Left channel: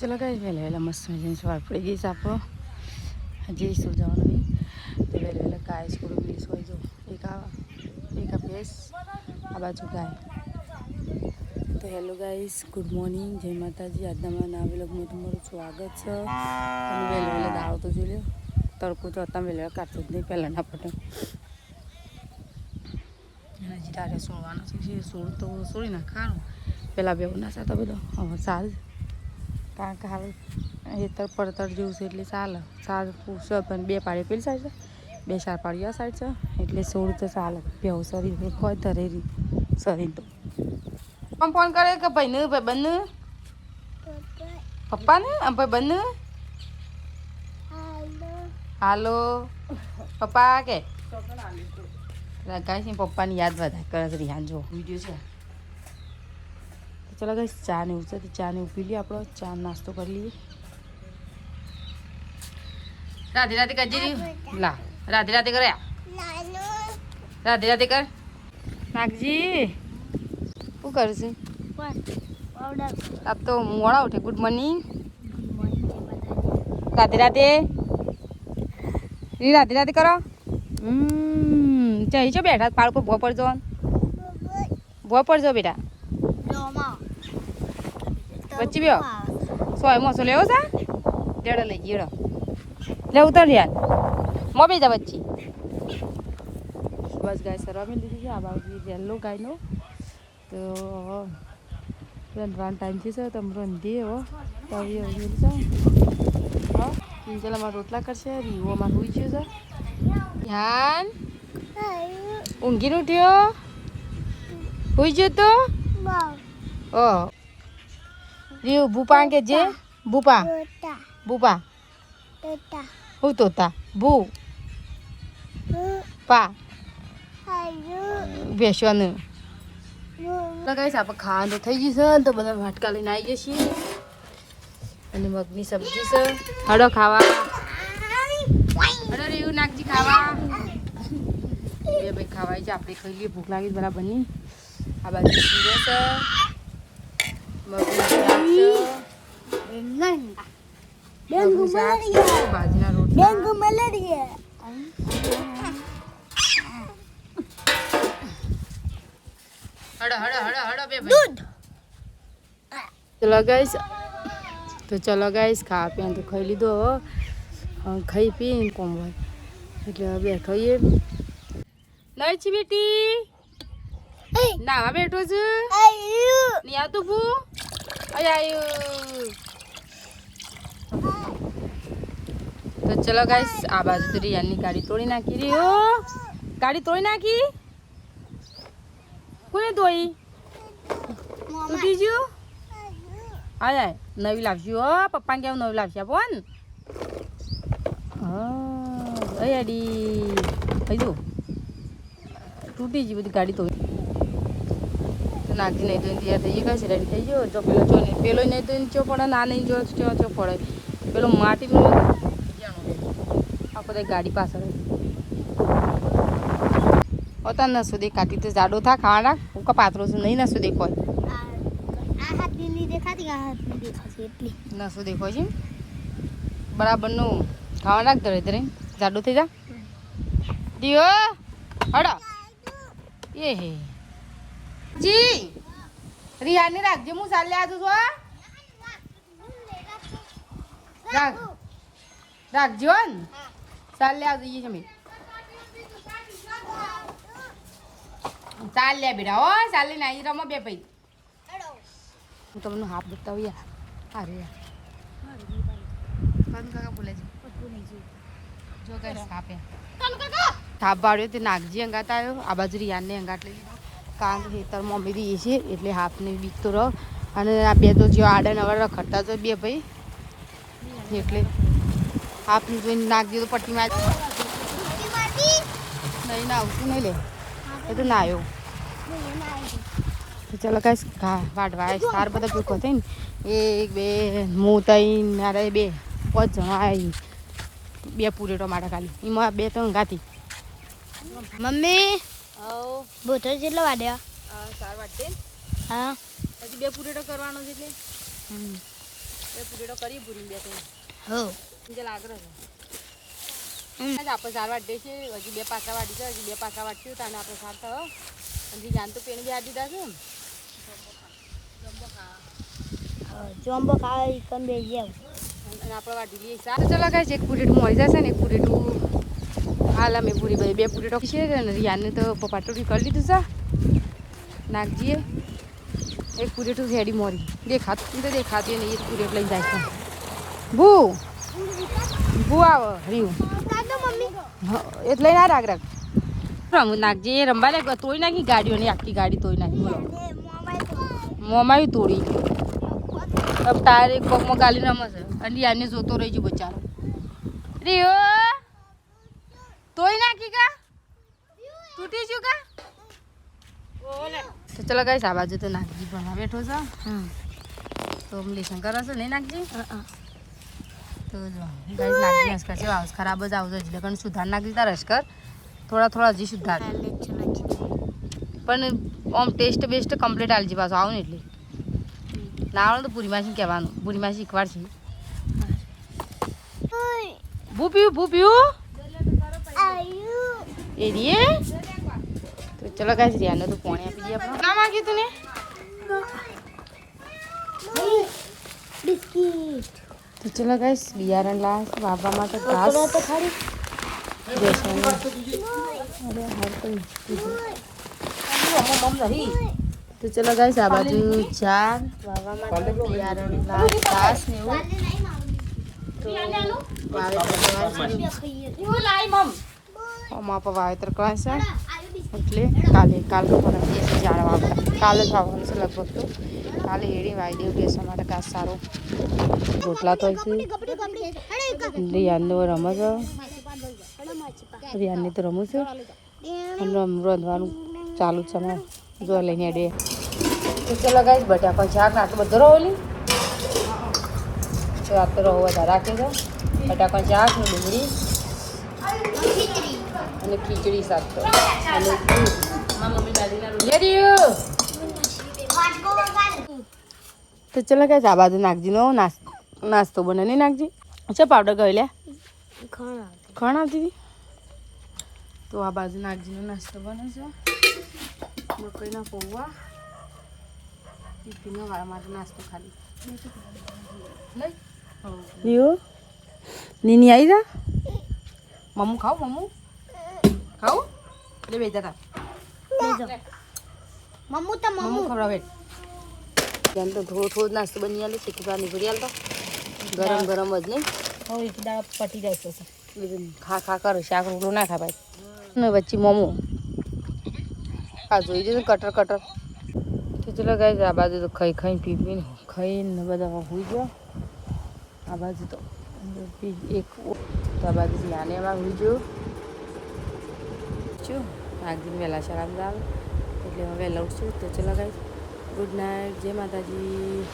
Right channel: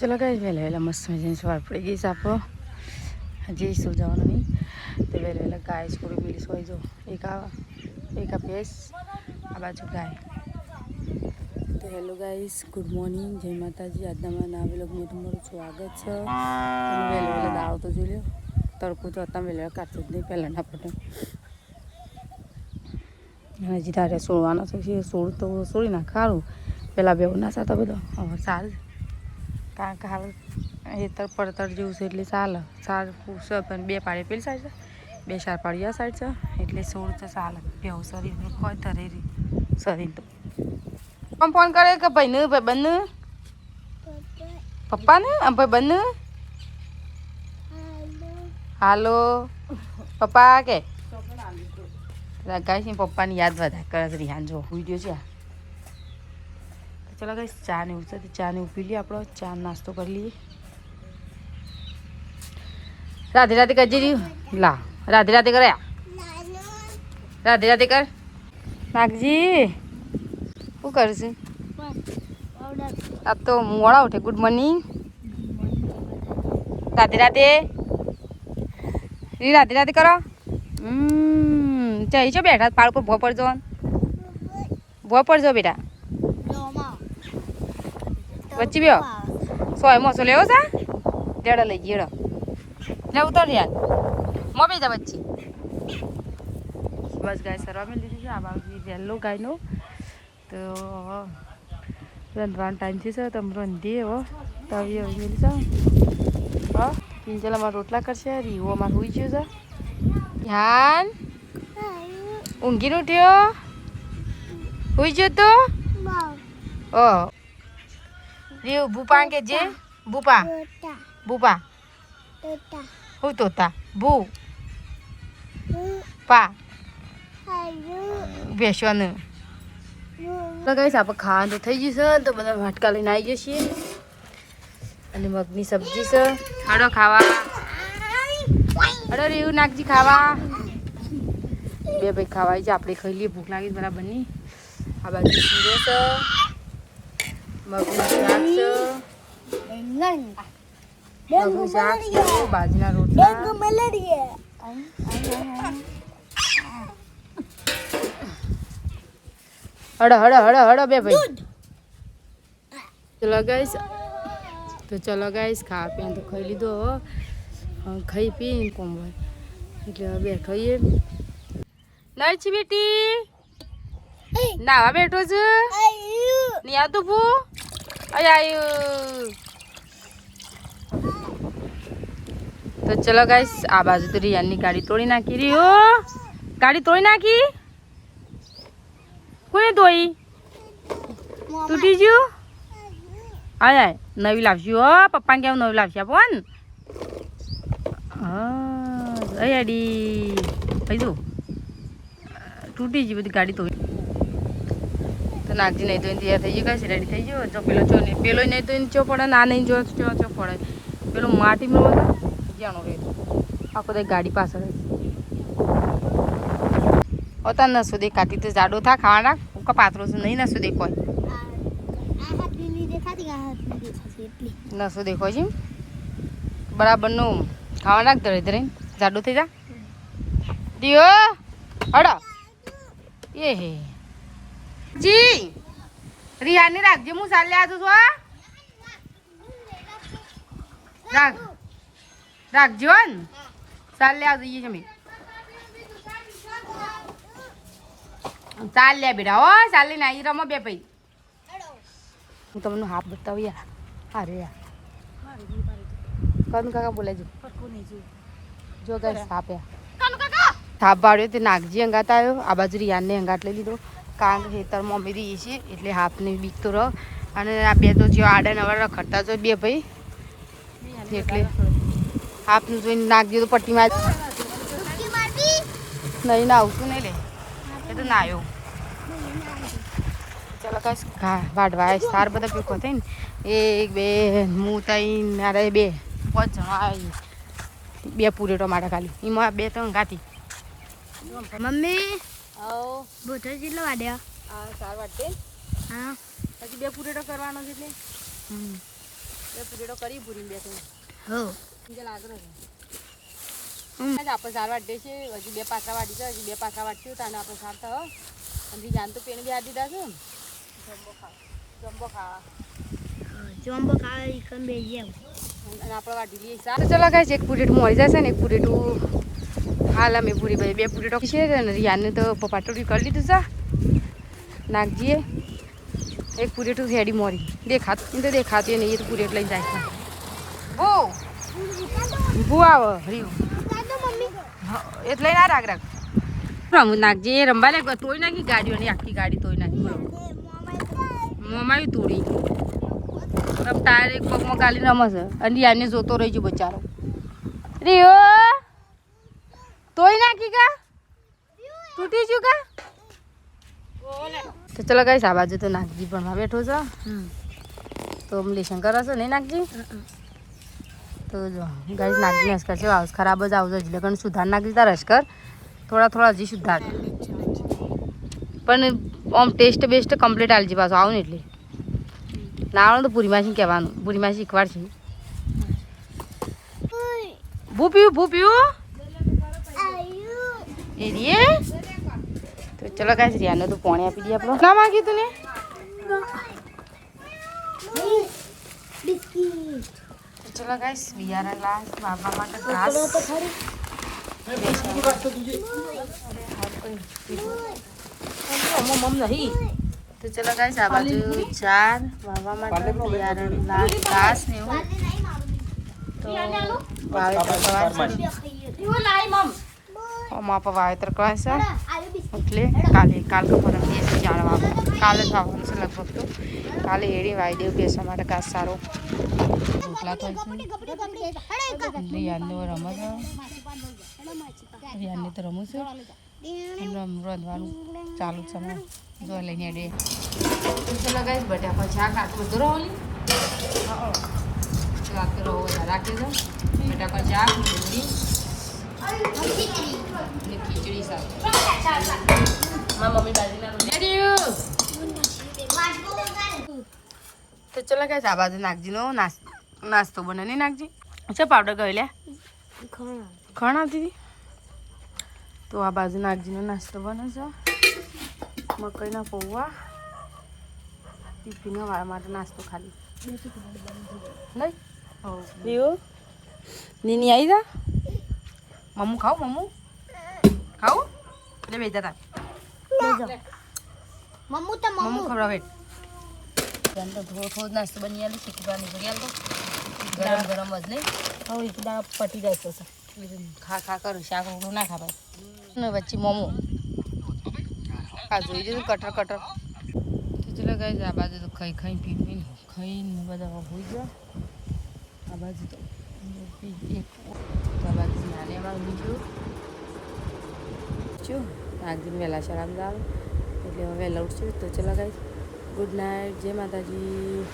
ચલો કઈ વહેલા વહેલા મસ્ત મજાની સવાર પડી ગઈ છે આપણો હજી શું જવાનું નહીં તો વહેલા વહેલા ગાય થોડું મિલી સોઈ જો એક આ ભેંસ આ બાજુ ગાય તો હેલો ગાઈસ ગુડ મોર્નિંગ જય માતાજી આજના મારા નવા વ્લોગમાં તમારું સ્વાગત છે અને વહેલા વહેલા દાળો તો જોઈ લો તડકો તો હતા વહેલા વહેલા કાઢતો જ નહીં પહેલાંના પટે હજી તારે સોળવાનો છે સોળ તો સોળી નાખ સારું પહેલાં બે ના સાતો બધો હવે સારું કારણ કે હાલ હેતર પડતર જેવું છે એટલે ચાલે સાર પૂછે પણ બે પાડી પેલી સાઈડ છે બે ચાર પાડી આ સાઈડ છે એટલે સોળ તો ચાલે બેવું શરીર એક હોય ધરેરી શરીર તો પણ ફોન કરે કે ભાઈને ભાઈ બંને પપ્પાને ભાઈ બંને હાલો પપ્પા કે ગાય પપ્પાની યાદ વધારે કરે રિહાન જો વિડીયો છે ચલો ગાઈસ ચા ને ઉછે તો ચા ને પી લઈએ આપણો ચા નાસ્તો કરી લઈએ રાધે રાધે કરજે લા રાધે રાધે કરે રાધે રાધે કર નાગજી શું કરશું આપ તો મોડા ઉઠે ગુડ મોર્નિંગ રાધે રાધે રાધે રાધે કરો ચાઈ છો બેઠા પાળ પર ભો પડજો બેટા વચ્ચે બે સોય મોસો લેવો છે દેડો લઈ ગયો લે ઉતર યાર મો બે જા વચ્ચે બસ ગાય સરવા મેં લીધી છે આ બાજુ વહેલો ગાયનો તો રંધવાનો ટાઈમ છે તમે રંધી એવો તવી મેલી છે હા પિંજલામાં રોટલા કરશે રીવોમાં હોઈ ગયો છે ધ્યાન ઊંઘીને ઉઠ્યો હોઈ ગયો તો ઓ રીવ ભૂપા કે જે ભૂપા ભૂપા હું તોતા ભૂ પા બેસવાનું તો કઈ આપણે ખાવાનું તો થઈ ગયું છે તો બધા વાટકા લઈને આવી જઈએ છીએ અને મગની સબ્જી છે હળો ખાવા હળો રીવ નાખજી ખાવા બે ભાઈ ખાવા છે આપણે ખાઈ લઈએ ભૂખ લાગી બરાબરની આ બાજુ શીરો છે મગનું શાક છે બાજરીના રોટલા હળો બે ભાઈ ચલો ગાઈસ ખાવા પીને તો ખાઈ લીધો ખાઈ પીને કોમ હોય એટલે હવે બેઠો એ નહીં છી બેટી નાવા બેઠો છે નહીં આવતું ભૂ આવ્યું તો ચલો ગાઈસ આ બાજુ તો રિયાની ગાડી તોડી નાખી રહ્યો ગાડી તોડી નાખી કોને તોડી તૂટી ગયું હા નવી લાવશું હો પપ્પાને કેવું નવી લાવશે આપો ને હા અડી થઈ જવું તૂટી ગઈ બધી ગાડી તોડી તો નાખી નહીં તો તૈયાર થઈ ગયું કઈ રેડી થઈ ગયો જો પેલો ચો નહીં પેલો નહીં તો ચો પડે ના નહીં જો ચો પડે પેલો માટીમાં જાણો આખો તો ગાડી પાછળ હોતા નસો દેખાતી તો જાડો થા ખાવા રાખ હું કા પાત્રો છું નહીં નસો દેખાય નસો દેખાય છે બરાબરનું ખાવા રાખ ધરે ધરે જાડો થઈ જા દિયો હડો એ હે જી રિહાની રાખજે હું ચાલે આજુ છો રાખજો ને ચાલે આવ જઈએ તમે ચાલ લે બેટા હો ચાલી નાઈ રમો બે ભાઈ હું તમને હાફ બતાવું યાર અરે યાર કનું કાકા બોલે છે જો ગાઈસ થાપ થાપ પાડ્યો તે નાગજી અંગાત આવ્યો આ બાજુ રિયાનને અંગાટ લઈ લીધો કારણ કે ખેતર મમ્મી દઈએ છીએ એટલે હાથને દીકતો રહો અને આ બે તો જે આડા નવા રખડતા તો બે ભાઈ એટલે હાથનું જોઈને નાખી તો પટ્ટીમાં નહીં ના આવતું નહીં લે એ તો ના આવ્યો ચાલો કઈ વાઢવા સાર બધા ભેગો થઈ ને એક બે હું તઈ મારે બે પાંચ જણા બે પૂરેટો માટે ખાલી એમાં બે ત્રણ ગાતી મમ્મી બોતર જેટલો વાડ્યા હા સાર વાટે હા હજી બે પૂરેટો કરવાનો છે એટલે બે પૂરેડો કરી પૂરી બે તો હો જે લાગરો છે આપણે સાર વાટે છે હજી 2 પાકા વાટી છે હજી 2 પાકા વાટ્યું તાને આપણે સાર તો અને જાન તો પેણ બી આ દીધા છે જોમ્બો ખાવા કમ બે જાવ અને આપણે વાટી લઈએ સાર ચલો ગાઈસ એક પૂરેડું મળી જશે ને એક પૂરેડું હાલ અમે પૂરી ભાઈ 2 પૂરેડો છે ને રિયાને તો પપાટોડી કરી લીધું છે નાખજીએ એક પૂરેટું રેડી મોરી દેખાતી નહીં એ પૂરેટ લઈ જાય છે ભૂ આવો રીયું એટલે ના રાખ રમું નાખજે એ રમવા લાગ તોડી નાખી ગાડીઓની આખી ગાડી તોડી નાખી મોમાં તોડી તમ ટાયર એક પગમાં ગાલી રમશે અને યાને જોતો રહી ગયો બચારો રીયો તોડી નાખી કા તૂટી ગયું કા તો ચલો ગાઈસ આ બાજુ તો નાખજી ભણવા બેઠો છે તો લેશન કરે છે નહીં નાખજી તો જો ગાઈસ નાખજી હસકર છે હાઉસ ખરાબ જ આવશે એટલે કણ સુધાર નાખી તાર હસકર થોડા હજી સુધાર પણ આમ ટેસ્ટ બેસ્ટ કમ્પ્લીટ આલજી પાછું આવું ને એટલે ના આવડે તો પૂરી માસી કહેવાનું પૂરી માસી શીખવાડશે ભૂ પીવું એ રીએ તો ચલો ગાઈસ રિયાને તો પાણી આપી દઈએ આપણે ના માંગ્યું તું ને બિસ્કિટ તો ચલો ગાઈસ બિયારણ લાવ વાવવા માટે ઘાસ તો ચલો ગાઈસ આ બાજુ 4 વાવવા માટે બિયારણ લાવ ઘાસ ને એવું તો વાવેતર વાવેતર કરશે એટલે કાલે જાણવા કાલે જ આવવાનું છે લગભગ તો કાલે એડી વાઈ દેવું બેસવા માટે ઘાસ સારો રોટલા તો રિયાનનો રમે છે રિયાનની તો રમું છું અને રાંધવાનું ચાલુ છે ને જો લઈને અડે ચલો ગાઈસ બટાકા શાક આટલું બધું રહો રાત તો રહો વધારે રાખી દો બટાકા શાક ને ડુંગળી અને ખીચડી શાક મમ્મી બાજરીના તો ચલો ગાઈસ આ બાજુ નાખજી નો નાસ્તો બને નહીં નાખજી અચ્છા પાવડર ગયો લે ખણ આવતી હતી તો આ બાજુ નાખજીનો નાસ્તો બને છે મકઈના પૌવા ટિફિન વાળા માટે નાસ્તો ખાલી નહીં નીની આવી જા મમ્મુ ખાવું એટલે બે જતા મમ્મુ ખવડાવે તો થોડું નાસ્તો બની આલે શીખી બહાર નીકળી આલતા ગરમ જ નહીં હવે એક દાળ પટી જાય છે ખા કરો શાક રોટલું ના ખા ભાઈ ને વચ્ચે મમ્મુ આ જોઈ દીધું કટર તો ચલો ગાઈસ આ બાજુ તો ખાઈને ખાઈને બધા હોઈ ગયા આ બાજુ તો એક આ બાજુ નાને એમાં હોઈ ગયો છું આગળ વહેલા શાળામાં આવે એટલે હવે વહેલા ઉઠશું તો ચલો ગાઈસ ગુડ નાઇટ જય માતાજી